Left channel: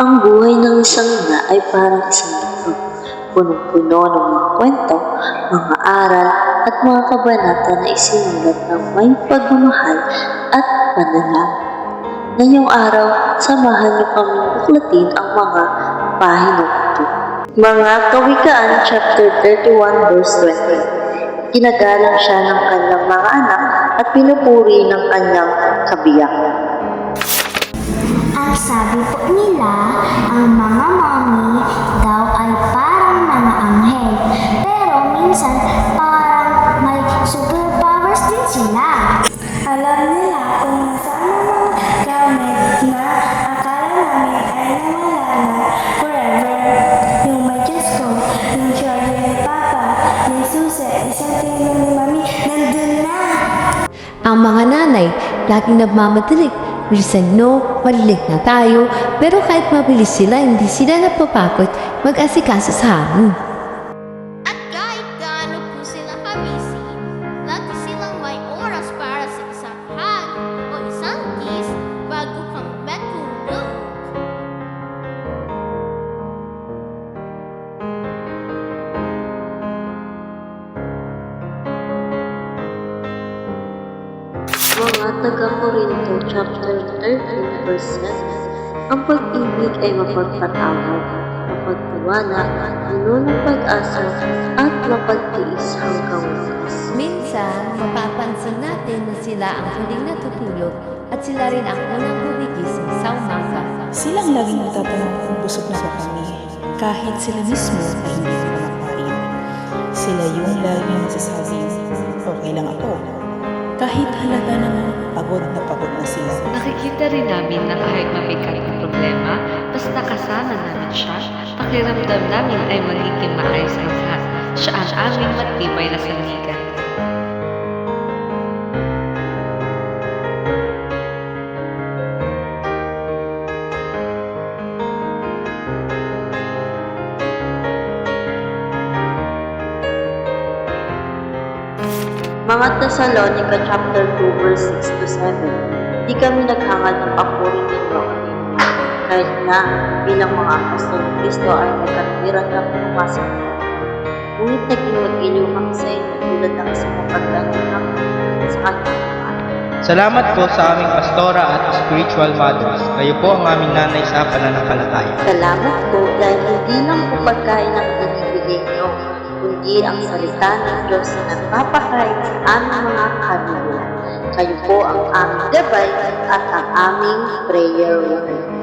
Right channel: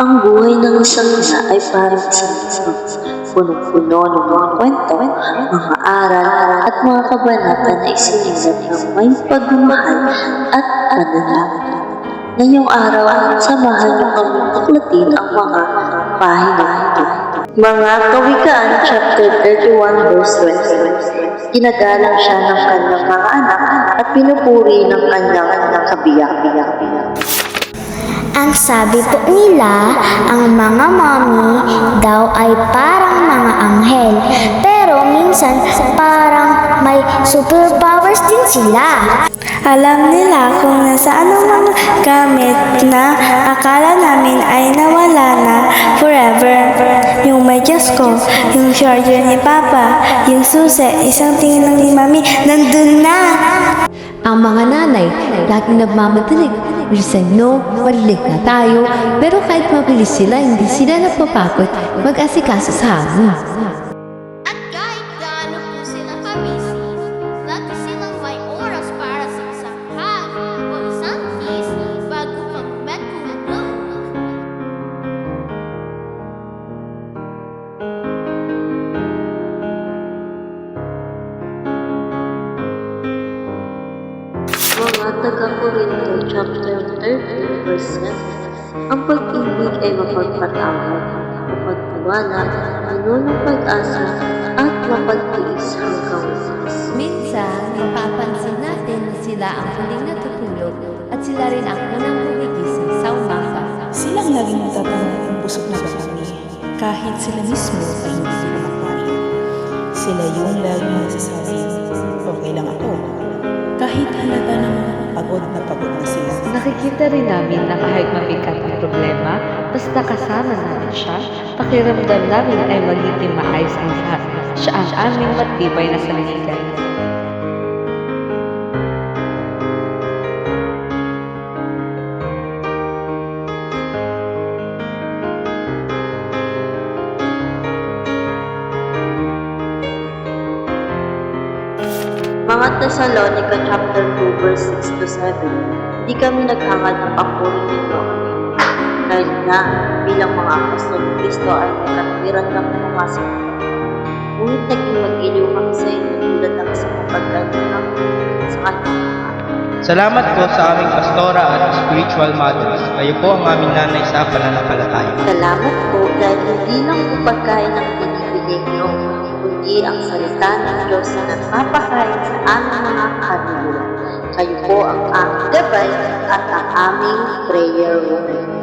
Ang buhay ng isang ina ay parang isang libro, punong-puno ng mga kwento, mga aral at mga kabanata na isinulat ng may pagmamahal at panalangin. Ngayong araw, samahan niyo kaming tuklatin ang mga pahina nito. Mga Kawikaan chapter 31 verse 20. Ginagalang siya ng kanyang mga anak at pinupuri ng kanyang kabiyak. Ang sabi po nila, ang mga mommy daw ay parang mga anghel. Pero minsan parang may superpowers din sila. Alam nila kung nasaan ang mga gamit na akala namin ay nawala na forever. Yung medyas ko, yung charger ni Papa, yung susi, isang tingin ni Mami, nandun na! Ang mga nanay, laging nagmamadalig. Bilisan no, malilig na tayo, pero kahit mabilis sila, hindi sila napapagod mag-asikaso sa amin. At kahit gaano po sila kabisi, lagi silang may oras para sa isang hug o isang kiss bago pang bed tulog. Mga taga-Korinto chapter 13 verse 7. Ang pag-ibig ay mapagpatawad, mapagtiwala, puno ng pag-asa, at mapagtiis hanggang wakas. Minsan, mapapansin natin na sila ang huling natutulog at sila rin ang unang gumigising sa umaga. Silang laging nagtatanong kung busog na ba kami, kahit sila mismo ay hindi ko kumakain. Sila yung laging nagsasabi, okay lang ako. Kahit halata namang pagod na sila. Nakikita rin namin na kahit mabigat ang problema, basta kasama namin siya, pakiramdam namin ay magiging maayos ang lahat. Siya ang aming matibay na sandigan. Mga Thessalonica chapter 2 verse 6 to 7. Hindi kami naghangad ng papuri ninyo ang inyong kahit na bilang mga apostol ni Kristo ay may katwiran kami pumasok ng banal. Ngunit naging mag-iliw kami sa inyo tulad ng isang mapagkalingang sa kanyang mga. Salamat po sa aming pastora at spiritual mothers. Kayo po ang aming nanay sa pananampalataya. Salamat po dahil hindi lang po pagkain ang binibigay niyo, kundi ang salita ng Diyos na nagpapakain sa aming mga kaluluwa. Kayo po ang aming gabay at ang aming prayer warrior.